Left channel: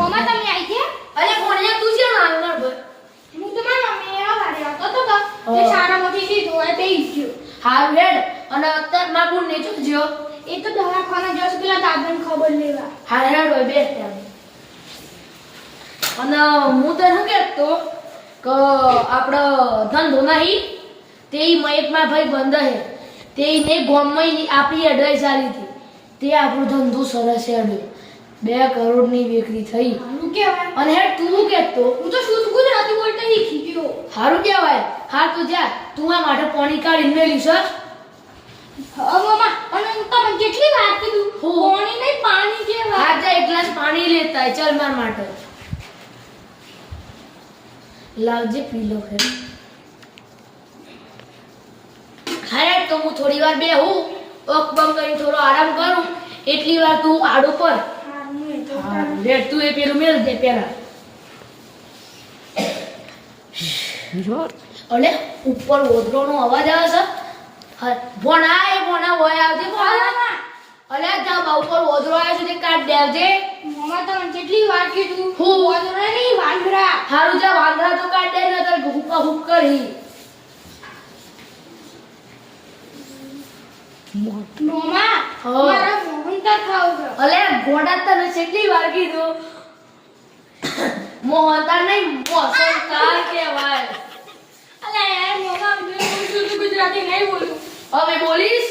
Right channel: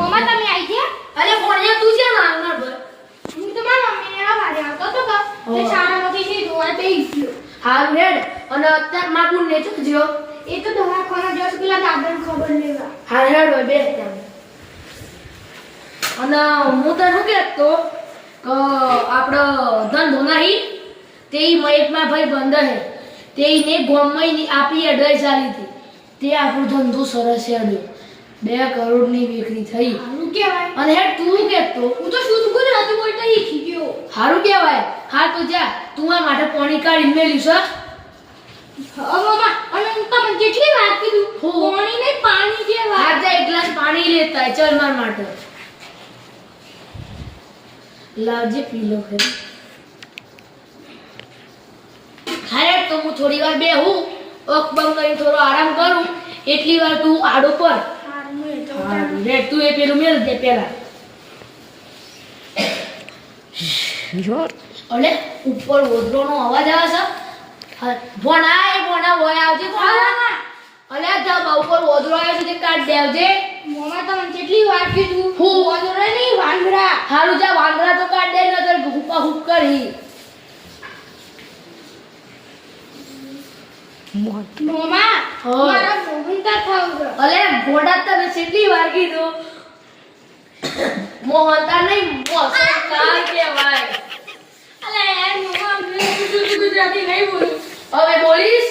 મોમાં તમે આવી ગયા? અરે કોણે તું છે ને માર ભાઈ હું તો મારા મમ્મી આ વારે આવતો તો તે શાળામાંથી લીધું અને તે ઈચ્છ્યું. હારું હેડ અને અત્યારે ના કોણ ને ચૂકજો એ તો દવાખાના જશે પેલા દાદાને ખબર લેવા. હાર હેડ ભાઈ બે અને હું તો શું કહેતો કે આપણો ધંધો નહીં તે મયકમાં ભાઈ બંધ હે તે ને ગોમમાં આપણી એડવાઇસ આલી હતી તે આપણો ધંધો સરસ હેડ્યો 2 કરોડની વિક્રી થઈ. સારું કહેવાય. અને હેડ તું કહેતો હું તો શુદ્ધ ગુજરાતી બોલતા શીખી ગયો. સારું કહેવાય. હા તું જા તું આ માટે પાણી કાઢીને મેલી છો. હા મમ્મા અને હું તમને કેટલી વાર કીધું પાણી નહીં પાણી જેવા. હા જા એક ગ્લાસ પાણી લેતા આય. ચાલ માર માટે લાવજે પી લો ફેર. ખાય તો હું થોડી વાર બેહું ઓક બંધ કરીને થોડો આરામ કરું એટલી વાર તું આડો પર રેડ તું એ પેલું મેલ દે પેલા. અલે ઉપર ઓદરોનો અવાજ આવે છે. હા ભોણા એ ભોણા હોય આવજે ભોણા. અલે જા બા ઉપર ઓદરો આવ્યો છે તે કાઢ દેવજે. મમ્મા તમને કેટલી વાર કીધું હું ઓદરા નહીં વાંદરા. હારું જા વાંદરા તો કાઢ દે નતર હુક્કા હુક કરી. મમ્મા મારા મોહનતા ખાવ છો. અલે ઘોડા તને કેટલી વાર કીધું મોહનતા નહીં મોસનતા કહેવાય. અલે યાર મમ્મા હું શુદ્ધ ગુજરાતી નહીં બોલું. હવે બોલીશ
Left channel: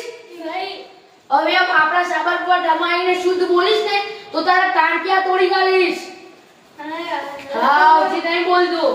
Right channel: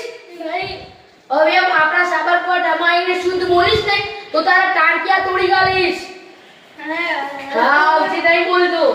નહીં. હવે આપણા સાબર પર ડમાઈને શુદ્ધ બોલીશ ને તો તારા ટાંટિયા તોડી ગાલીશ. હા ઉચી નહીં બોલતો.